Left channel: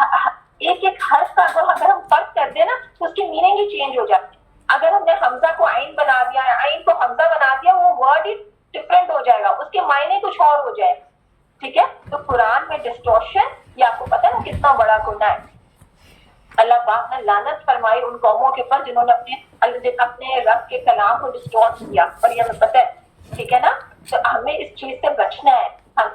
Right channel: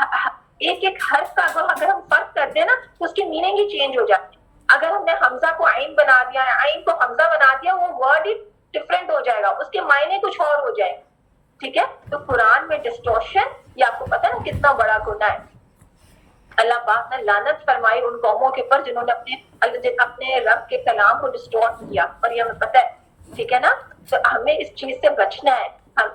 ایک ایک حرف کا اگر ہم فرق کر دیں نا تو اس کی میننگ ہی چینج ہو جاتی ہے. اگر ہم نے حمزہ کو عین بنا دیا, عین کو حمزہ بنا دیا, وہ ورڈ ہی ڈفرینٹ ہو جائے گا, اس کے معنی کچھ اور ہو جائے. ٹھیک ہے, تو قرآن میں ڈسٹورشن یہ آپ کو پتا نا کتنا بڑا گناہ ہے. اللہ پاک نے لعنت فرمائی ان قوموں کے اوپر جنہوں نے اپنے رب کے کلام کو ڈسٹورٹ کیا, اور یہ ہمیں پتہ ہے. ٹھیک ہے نا, تو ہمیں اس چیز سے بچنا ہے. ہم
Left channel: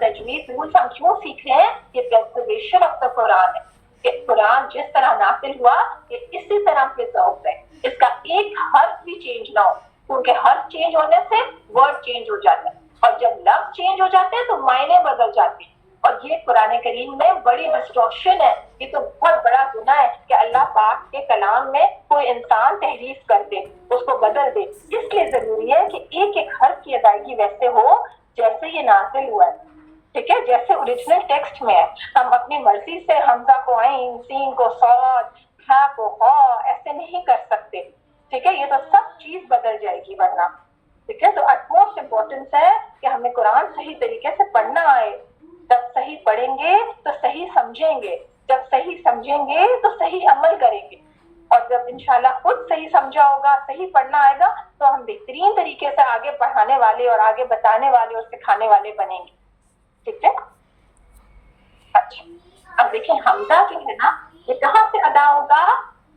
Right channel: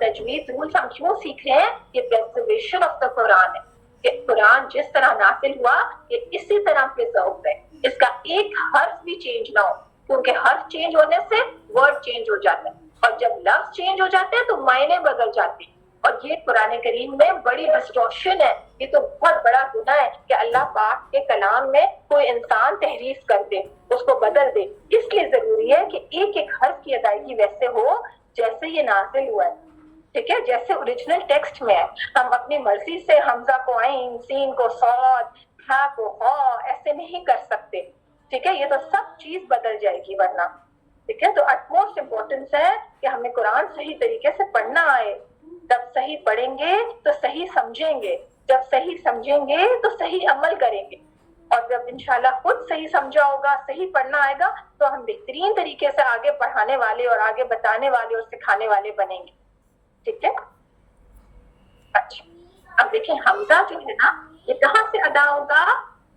تجوید رولز ہم کیوں سیکھ رہے ہیں؟ یہ پریزرویشن آف دا قرآن ہے, کہ قرآن جس طرح نازل ہوا یہ اسی طرح پرزرو ہے, اس کا ایک حرف بھی چینج نہ ہو, کیونکہ حرف چینج ہونے سے ورڈ چینج ہو جاتا ہے, اور جب لفظ چینج ہو جاتے ہیں تو معنی بدل جاتے ہیں. اور یہ قرآن کریم میں بڑی ڈسٹورشن ہے. یہ تو بہت بڑا گناہ ہے کہ اللہ پاک کے کلام میں کوئی انسان تحریف کر دے, اس کو بدل دے. اس لیے ضروری ہے کہ ایک ایک حرف کی ادائیگی ویسے ہو جیسے یہ نازل ہوا ہے. ٹھیک ہے, جیسے اوریجنل ٹیکسٹ میں ہے. ہم اپنی مرضی سے حمزہ کو عین, سین کو صاد, ہا کو خا ایسے نہیں کر سکتے. ٹھیک ہے, یہ تو سب چیز بدل جائے گی ورنہ. ٹھیک ہے, تو اٹموسٹ امپورٹنس ہے کہ ہمیں قرآن صحیح طریقے سے پڑھنا آئے. جب صحیح پڑھیں گے تو صحیح سمجھیں گے, جب صحیح سمجھیں گے تو صحیح عمل کریں گے, اور جب انشاءاللہ خود صحیح سمجھا ہوگا, صحیح پڑھنا آئے گا, تو ہم بہترین طریقے سے آگے پڑھانے والے اور آگے بتانے والے اور سکھانے والے بنیں گے. ٹھیک ہے, اچھا اب دیکھیں حمزہ جو ہے نا یہ کہاں سے ادا ہوگا؟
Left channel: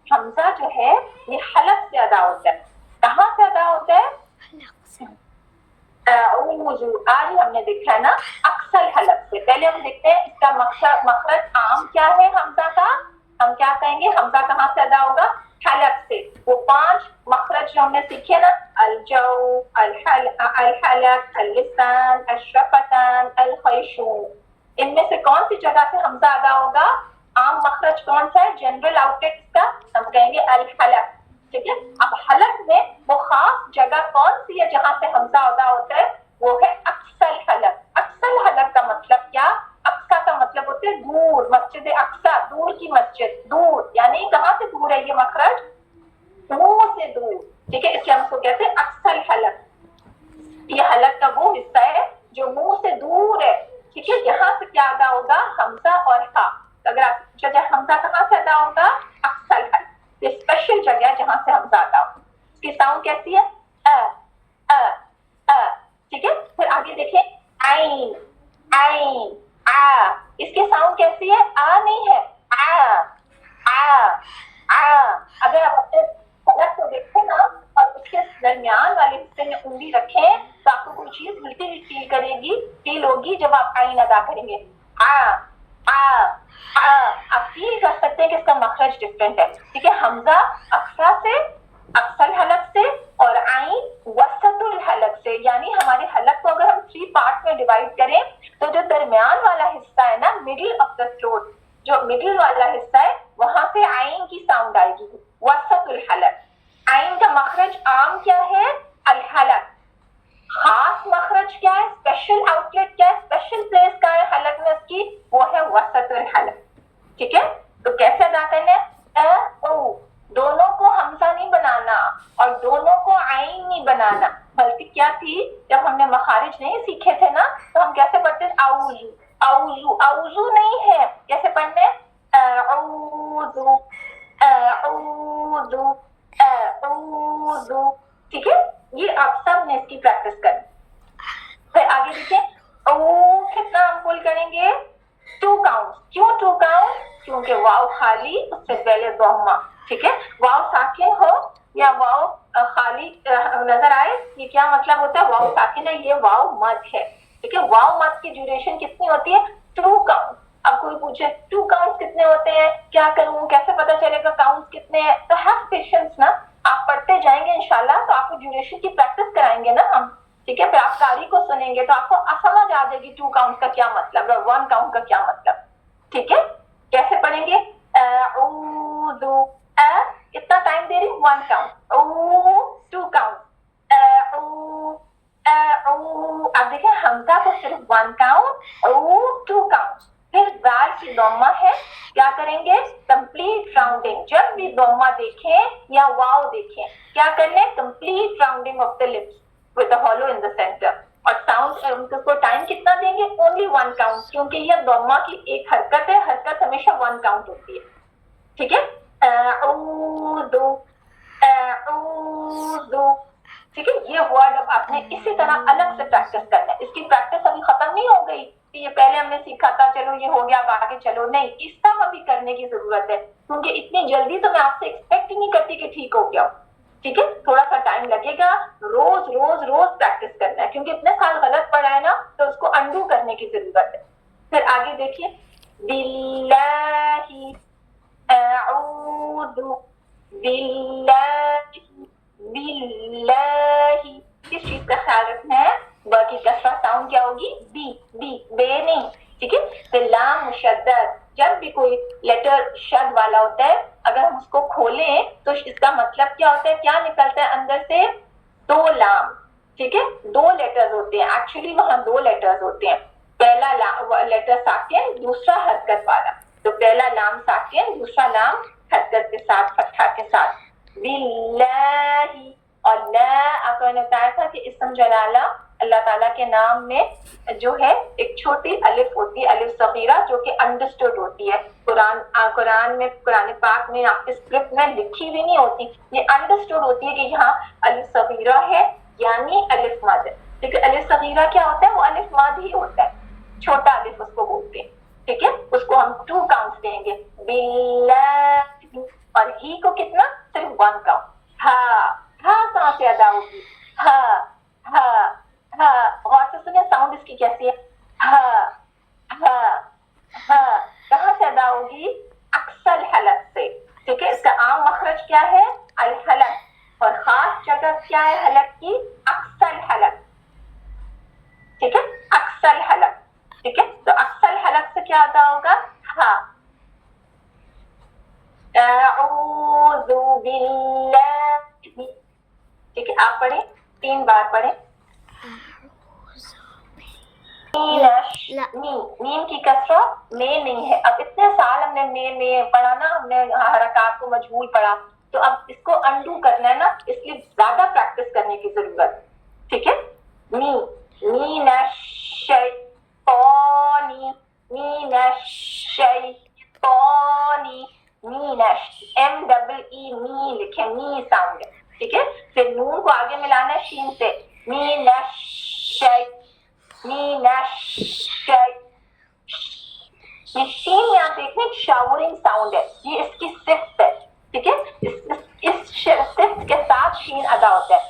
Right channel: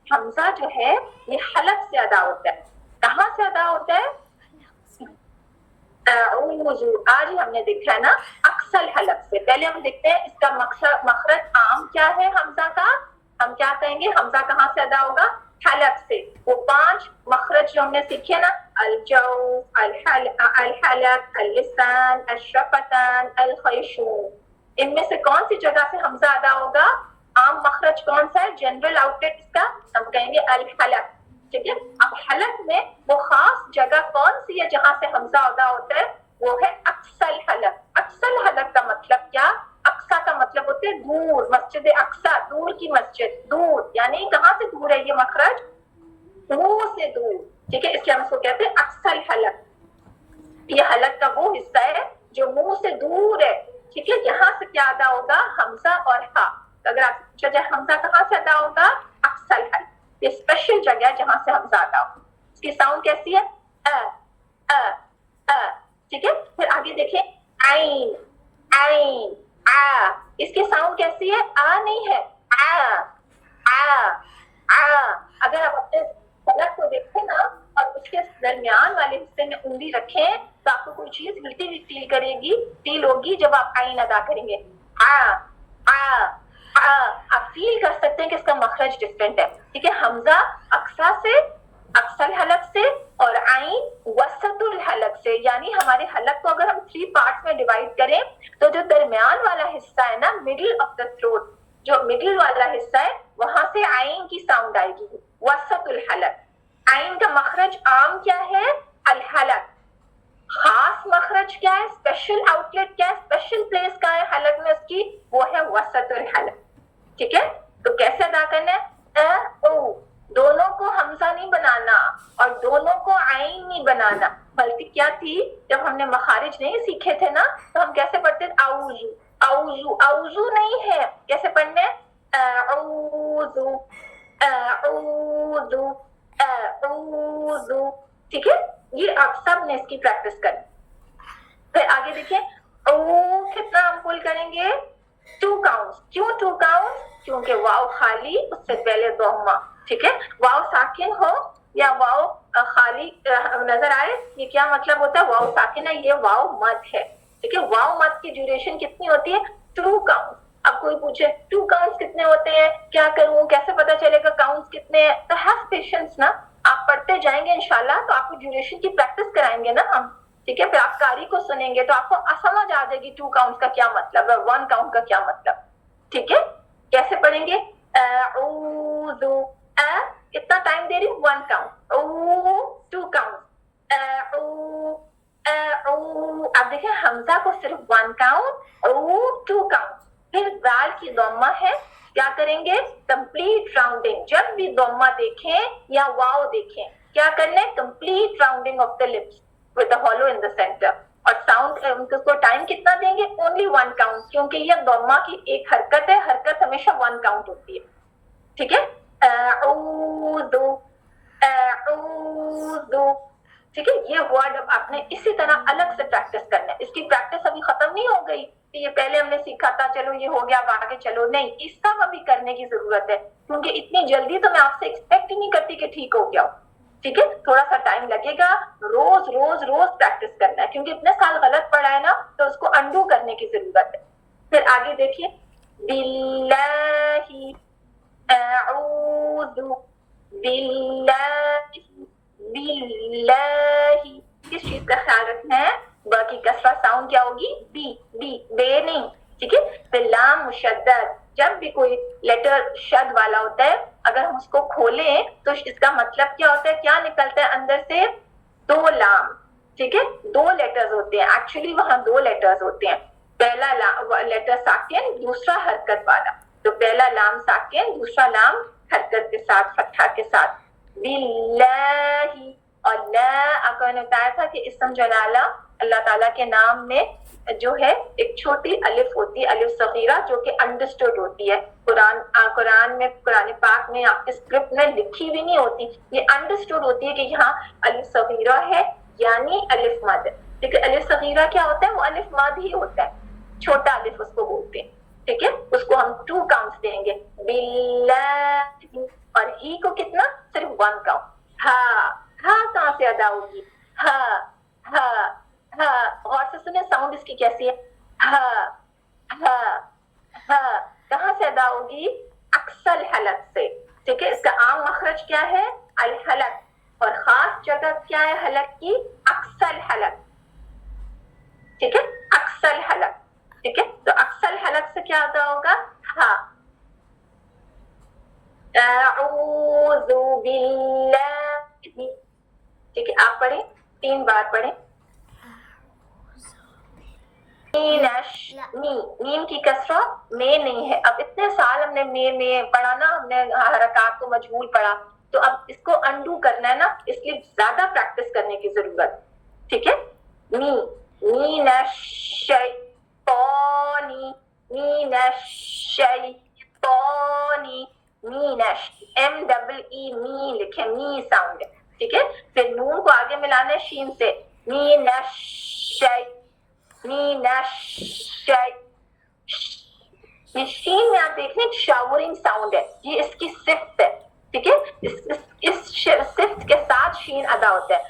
حمزہ جو ہے یہ حلق سے ادا ہوتا ہے. کہاں سے ادا ہوتا ہے؟ آج ہم نے دیکھا ہے نا اکثر حلق سے. پہلے ہم دیکھتے ہیں اس کا مخرج عام کیا ہے حمزہ کا. ہم کیا کہیں گے حمزہ کہاں سے ادا ہوگا؟ حلق سے. وہ 5 مخرج جو ہم نے سیکھے نا, الجو, الحلق, اللسان, الشفتان, الخیشوم, ان میں سے کون سی جگہ سے حمزہ ادا ہوگا؟ عام مخرج کون سا ہے جنرل آؤٹ لیٹ کا؟ ہم کہیں گے الحلق. ٹھیک ہے, اب حلق میں وہ خاص جگہ کون سی ہے جہاں سے حمزہ ادا ہوتا ہے؟ وہ ہے اقصی حلق. اقصی حلق کا مطلب کیا؟ اقصی کا مطلب ہوتا ہے دور, مسجد اقصی, دور کی مسجد, دور یعنی کہاں سے دور ہے یہ مخرج؟ منہ سے دور. ٹھیک ہے, اس لیے ہم اس کو کہتے ہیں اقصی حلق. یہ حلق کا وہ حصہ ہے جو منہ سے دور ہے. ٹھیک ہے, یہاں سے کیا ادا ہوگا؟ حمزہ اور ہا. اگر آپ پوچھا جائے حمزہ کہاں سے ادا ہوگا؟ اقصی حلق. یہ اسپیشل جگہ ہے جہاں سے حمزہ ادا ہوگا. اس کی ساؤنڈ کیسی ہے؟ ٹھیک ہے, پھر آگے دیکھیں عین, عین, آ. اس کی ساؤنڈ کیسی ہے؟ آ نہیں ہے, اگر آپ اپنے حلق کو دیکھیں نا اور اس کے درمیان والے حصے میں انگلی رکھیں تو آپ کو کوئی چیز ہلتی ہوئی فیل کرے گی, فیل ہوگی جب آپ عین ادا کریں گے. آپ فیل کر سکتے ہیں کہ اس کا مخرج ڈفرینٹ ہے. ٹھیک ہے, حمزہ اقصی سے, اقصی حلق سے, اور عین وسط الحلق سے. یعنی ہمارے حلق کو اگر ہم 3 پارٹس میں ڈیوائڈ کریں تو جو درمیان والا حصہ ہے نا, مڈل آف دا تھروٹ, جو مڈل والا حصہ ہے وہاں سے عین کی ساؤنڈ آئے گی, وسط الحلق. عین کا مخرج عام کیا ہے؟ الحلق. خاص مخرج کیا ہے؟ اسپیشل آؤٹ لیٹ کیا ہے؟ اسپیشل پلیس کا ہے حلق میں اس کی, وہ ہے وسط الحلق. ٹھیک ہے, تو کیسے ادا کرنا ہے؟ او, دونوں کو حمزہ نہیں بنانا اور دونوں کو عین نہیں بنانا, بلکہ کیا تھی جب ہم نے مخارج نہیں سیکھے تھے نا تو ہم کیسے پڑھتے تھے؟ اعوذ, اعوذ, اعوذ نہیں ہے, کیسے پڑھنے؟ اعوذ, اعوذ, اعوذ. ٹھیک ہے, یہ آپ سب نے اس کی پریکٹس کرنی. پھر آگے دیکھیں او کتنا ہم پل کریں گے؟ 2 کاؤنٹس. کیوں 2 کاؤنٹس؟ کیونکہ واو خالی, اس سے پہلے ضمہ. ٹھیک ہے, واو ساکن ہو یا واو خالی نظر آئے, یہ کیا مطلب ہوتا ہے؟ واو ساکن ہے, یہ واو مد ہے. ٹھیک ہے, واو مد کی ڈیوریشن کتنی ہوتی ہے؟ 2 کاؤنٹس. اب کوئی پوچھے 2 کاؤنٹس کتنے ہوتے ہیں, کیا کروں, کیسے پتا چلے گا کاؤنٹس کتنے ہیں؟ تو ہیو پیشنس نا, آپ پڑھتے جائیں گے انشاءاللہ تو آپ کو ڈیوریشن کی پریکٹس کرائیں گے نا ہم. ٹھیک ہے, پھر آپ قاری کو سنیں گے تو آپ کو سمجھ آ جائے گی 2 کاؤنٹ کا کیا مطلب ہے, 1 کاؤنٹ کا کیا مطلب. ٹھیک ہے, کیسے پڑھیں گے؟ اعوذ, اتنا ٹائم دے رہی ہوں, 1 کاؤنٹ, او 2 کاؤنٹ, اب دیکھیں حمزہ کو صرف 1 کاؤنٹ, او 2 کاؤنٹ. پھر دال کی ضمہ ہے, کیا کریں گے؟ Complete rounding. جب بھی ضمہ دیکھیں یا واو دیکھیں, کیا کرنا ہے؟ Complete rounding of the lips with a hollow in the center. اور साउंड को टाइम कितना देंगे, ओनली 1 काउंट, क्योंकि ये दम्मा की एक हरकत है, हरकत हमेशा 1 काउंट होती है, ठीक है। अऊदु, अऊदु, ठीक है। ये वर्ड अब आपने इसी तरह अलग से प्रैक्टिस करना है, इसकी प्रैक्टिस अभी खत्म नहीं हो गई कि ये पहले हमने सीखा था चलो ये हो गया अब आगे चलो, नहीं, इसका अभी करने की जरूरत है, क्योंकि इतनी जल्दी तो मैं आपसे एक्सपेक्ट ही नहीं करती कि ठीक हो गया, ठीक है। थोड़ा सा टाइम लगेगा, रोज रोज रोज प्रैक्टिस करना है, क्योंकि इतने साल गलत पढ़ा है ना, तो उसको अंडू करने की जरूरत है। फिर आगे देखिए, बिल्लाहि अऊदु बिल्लाहि, बिल्लाहि, किस चीज का ख्याल रखना है, ब की कसरा साउंड क्या होगी, बी, बी, बे नहीं, ठीक है। फिर लाम मुशद्दद, जब भी कोई लेटर शद वाला होता है, अगर हम उसको खोलें तो इसका मतलब क्या होता है, क्या निकलता है अंदर से, 2 लाम, ठीक है। 2 लेटर्स होते हैं, एक्चुअली वहां 2 लेटर्स होते हैं, पहला लेटर साकिन, दूसरा हरकत वाला, तो पहला लाम साकिन, दूसरा लाम हरकत के साथ, फतहा के साथ, बिल्लाहि। और ला आपको ने बताया था कि इस्म जलाला अल्लाह ताला के नाम में जो है एक छोटी अलिफ होती है, अलिफ सगीरा, जो कि अंडरस्टूड होती है। कुरान में, कुरान पाक में आपके स्क्रिप्ट में लिखी भी नहीं होती, ये अंडरस्टूड होती है कि यहाँ अलिफ सगीरा है यानी अलिफ मद, ठीक है। अलिफ सगीरा क्या होता है, वो अलिफ मद ही होता है, छोटा अलिफ उसको बोलते हैं, ठीक है। उसको हम 2 काउंट्स देंगे, बिल्लाहि, और ही को कितना, सिर्फ 1 काउंट। हाँ कहाँ से अदा होगी, हाँ हाँ हाँ, गौर से सुने साउंड इसकी कैसी है, हाँ हाँ हाँ, कहाँ से अदा होगी, अक्सल हलक से, ठीक है। इसका आम मखरज क्या है, अल हलक, और खास जगह क्या है हलक की, अक्सल हलक, ठीक है, अक्सल हलक, ठीक है। तो अक्सल हलक से क्या अदा होगा, हाँ, अऊज़ु बिल्लाहि, ठीक है। आप पढ़े, 3 बार पढ़े, मीम की कसरा में नहीं है। अब इतने साल हमने में पढ़ा ना, हमने हरकत को मजबूर पढ़ा, तो अब इसको अंडू करना है ना, इसलिए ज्यादा प्रैक्टिस करने की जरूरत, ठीक है। मीनश्शैतानी, मीनश्शैतानी, मीनश, MEE, मी लिखे, मी साउंड, ठीक है। फिर नून को आगे मिलाना है शीन से, मीनश्शै, शीन में आप देख रहे हैं शावरिंग साउंड है, ये इसकी सिफ्त है, ठीक है। इस सिफ्त के साथ शीन अदा होता है,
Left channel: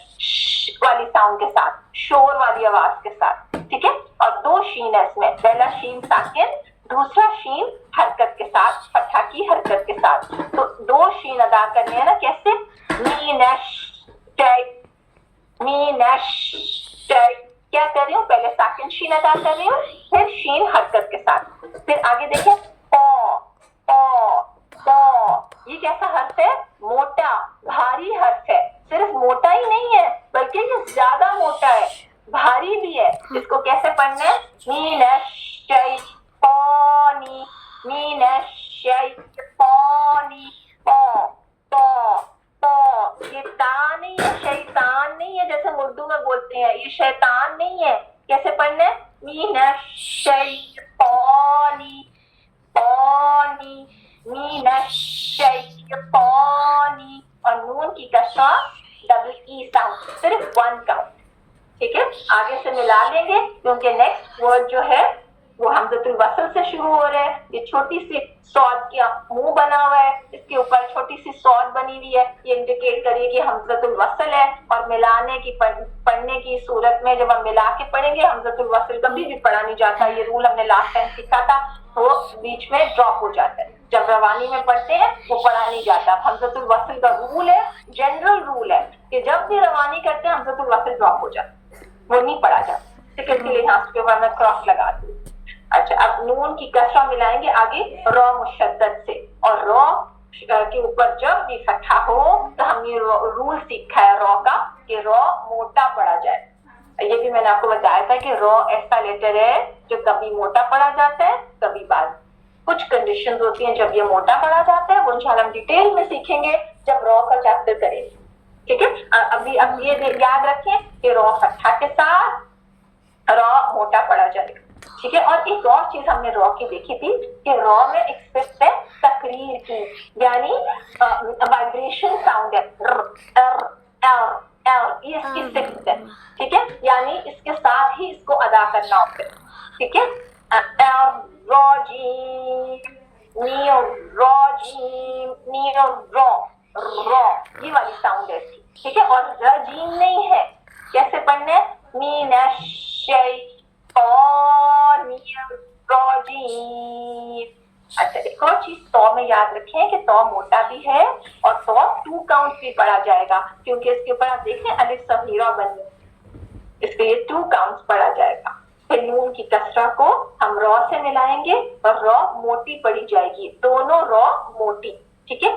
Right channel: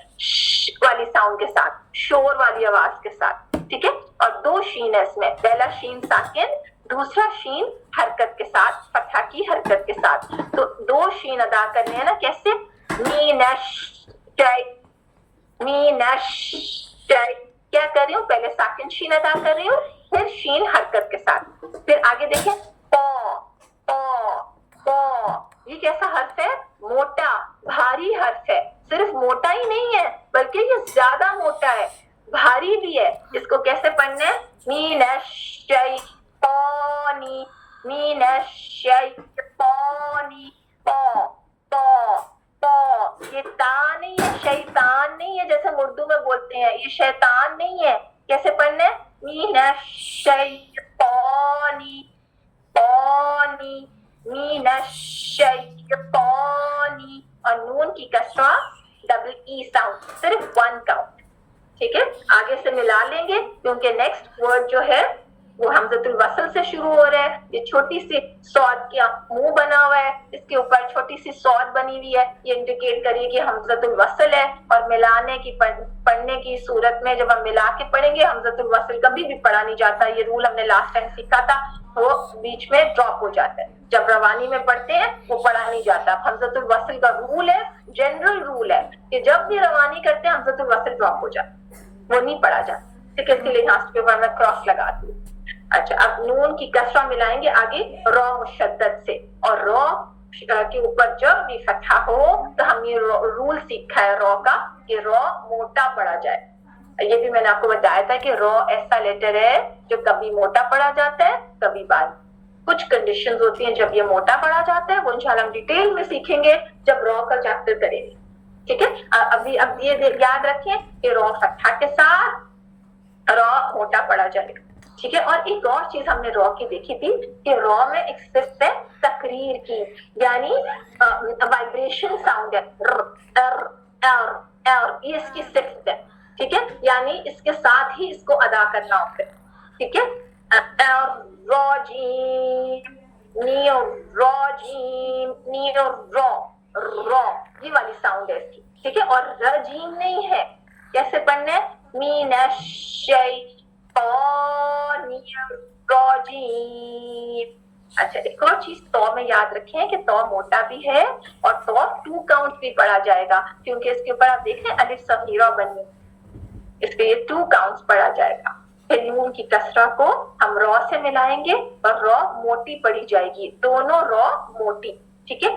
वाली साउंड के साथ, शोर वाली आवाज के साथ, ठीक है। और 2 शीन है इसमें, पहला शीन साकिन, दूसरा शीन हरकत के साथ, फतहा की हरकत के साथ, तो 2 शीन अदा करने हैं ना, कैसे, मीनश्शै, क्या कर रही हूँ, पहले साकिन शीन अदा कर रही हूँ, फिर शीन हरकत के साथ। फिर आगे देखें, पौ, पौ, पौ, ये कैसा हर्फ है, मोटा, भारी हर्फ है, सिर्फ मोटा ही नहीं है बल्कि ये ज्यादा मोटा है, भारी भी है। इसको कैसे पढ़ना है, मीनश्शैतानी, मीनश्शैतानी, पौ, पौ, पौ, ये ता नहीं है, शैतान नहीं है जैसे उर्दू में बोलते हैं, ये शैतान नहीं है, कैसे पढ़ना है, मीनश्शैतानी, पानी, मीनश्शैतानी, और नून की कसरा, डबल ई साउंड, सिर्फ 1 काउंट, ठीक है। आगे से मिला लेंगे क्योंकि नेक्स्ट वर्ड जो है वो हमज़तुल वसल से शुरू हो रहा है। ये छोटी सी सौद का मुंह बना हुआ है, इसके ऊपर छोटी सी सौद बनी हुई है, ये इंडिकेट करिए कि हमज़तुल वसल है। और मिलाने की पढ़ने की सूरत में जब हम मिला के पढ़ेंगे, हमज़तुल वसल कभी भी पढ़ा नहीं जाता, ये रूल हमने लास्ट टाइम सीखा था, वो बीच में ड्रॉप हो जाता है। जब रवानी में पढ़ते हैं वो पढ़ा नहीं जाता। हमज़तुल वसल का रूल है, जनरल रूल है कि जब भी रवानी करते हैं हमज़तुल वसल ड्रॉप हो जाता है, वो नहीं पढ़ा जाता, ठीक है। इसके लिए यहाँ के ऊपर मैं क्रॉस लगा दूँ। अच्छा, अब नून की कसरा मिलाएंगे आगे रॉ मुशद्दद से, और रॉ के ऊपर जब भी फतहा हो तो हमने रूल सीखा है रॉ का कि रॉ मोटा पढ़ा जाए। ये भी मैंने आपको बताया था कि रॉ ऐसा लेटर है जो कभी मोटा पढ़ा जाता है कभी बाद। कुछ कंडीशंस होती हैं जब ये मोटा पढ़ा जाता है, वो इंशाल्लाह हम डिटेल में सीखेंगे जब रॉ का चैप्टर करेंगे, ठीक है। अब ये याद रखें कि रॉ फतहा के साथ रॉ मोटा पड़ा जाएगा, ठीक है। और एक और चीज हमने रॉ की देखी थी कि रॉ में एक सिर्फ है तकरीर की, यानी वाइब्रेशन साउंड है, ये इसकी सिर्फ है, ठीक है, यानी इसके साथ ही इसको अदा करना होता है, ठीक है। रॉ ये वाली साउंड है इसकी, ठीक है। और रजीम नहीं है, कैसे पढ़ना है, अच्छा एक और चीज तो में याद रखें कि तो मोटा भी है और तो 2 काउंट भी पढ़ा जाएगा, क्योंकि इसके ऊपर आप देखें अलिफ सगीरा बनी, इसके ये 2 काउंट्स पढ़ा जाएगा। फिर नून की कसरा को हम रॉ से मिलाएंगे और रॉ मोटी पढ़ी जाएगी, दोनों रॉ मोटी, ठीक है।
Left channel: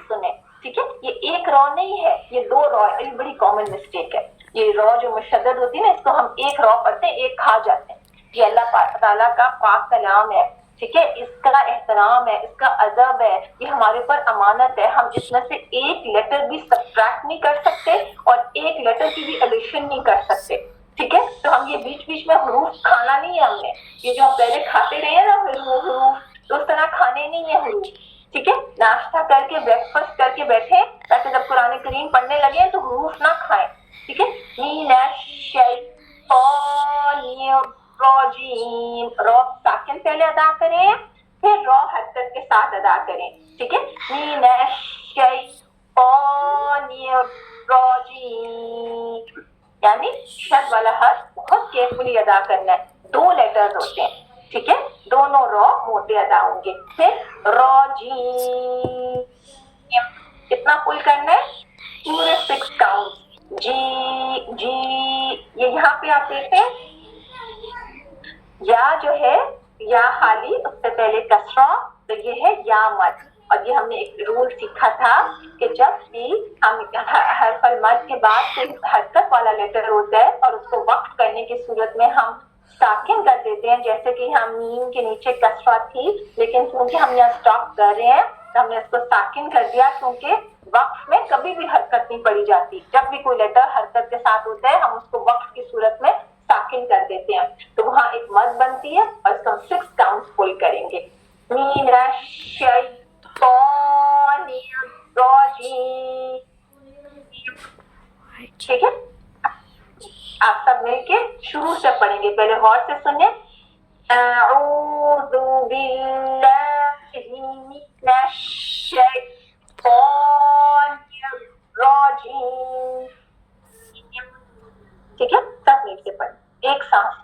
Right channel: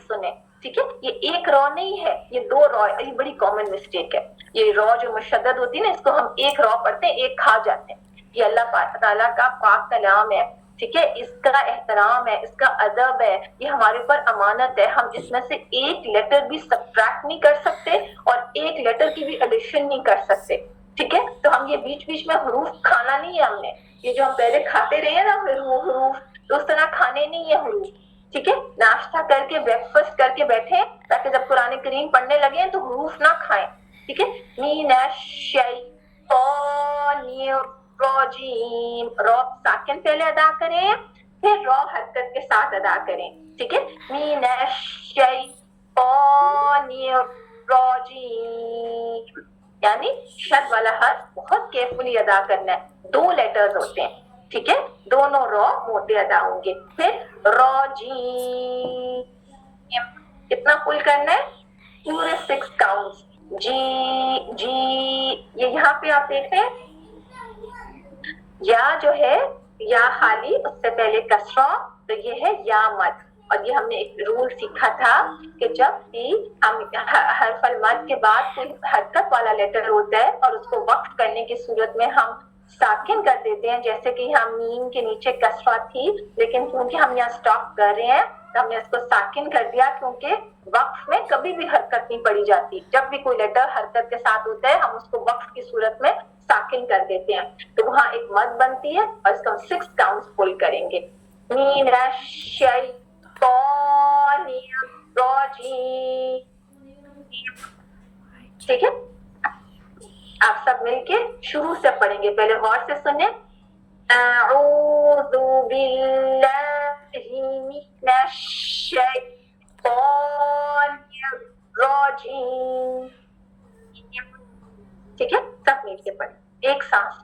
सुने, ठीक है। ये एक रॉ नहीं है, ये 2 रॉ है, ये बड़ी कॉमन मिस्टेक है। ये रॉ जो मुशद्दद होती है ना, इसको हम एक रॉ पढ़ते हैं, एक खा जाते हैं। ये अल्लाह ताला का पाक कलाम है, ठीक है, इसका एहतराम है, इसका अदब है, ये हमारे ऊपर अमानत है। हम इसमें से एक लेटर भी सब्ट्रैक्ट नहीं कर सकते और एक लेटर की भी एडिशन नहीं कर सकते, ठीक है। तो हम ये बीच बीच में हरूफ खाना नहीं है हमने, ये जो हम पहले खाते रहे हैं ना हरूफ, तो उस तरह खाने नहीं है हरूफ, ठीक है। नाश्ता करके ब्रेकफास्ट करके बैठे ताकि जब कुरान करीम पढ़ने लगे तो हरूफ ना खाएं, ठीक है। रॉ साकिन पहले अदा करें, फिर रॉ हरकत के साथ अदा करें, ठीक है। यानी शद वाला हर्फ बहुत केयरफुली अदा करना है, 2 लेटर्स होते हैं, ठीक है, दोनों रॉ मोटे अदा होंगे। फिर रॉजी कितना फुल करना है, पूरे 6 काउंट्स, जी ये यहाँ पे आप देखें या जो है या खाली उससे पहले कसरा, तो ये है या मद। और ये हमने एक रूल सीखा था कि जब भी हम हरफल मद के बाद कोई हरकत वाला लेटर होता है और उसको वक्फ करने की सूरत में हम साकिन कर देते हैं, जैसे कि हम मीम के नीचे कसरा थी, लेकिन क्योंकि हम यहाँ स्टॉप कर रहे हैं तो हमने इसको साकिन कर दिया, क्योंकि वक्फ में कभी भी हरकत नहीं पड़ी जाती। जब भी कोई लेटर हरकत के साथ होता है हम उसको वक्फ की सूरत में साकिन कर देते हैं, तो वहां एक मद बनती है और इसको हम 6 काउंट्स फुल करेंगे। ठीक है, आप सब मिलके शुरू से पढ़ेंगे, पहले गौर से सुने। अऊज़ु बिल्लाहि मिनश शैतानिर रजीम, ठीक है, सब मिलके पढ़ें एक सांस।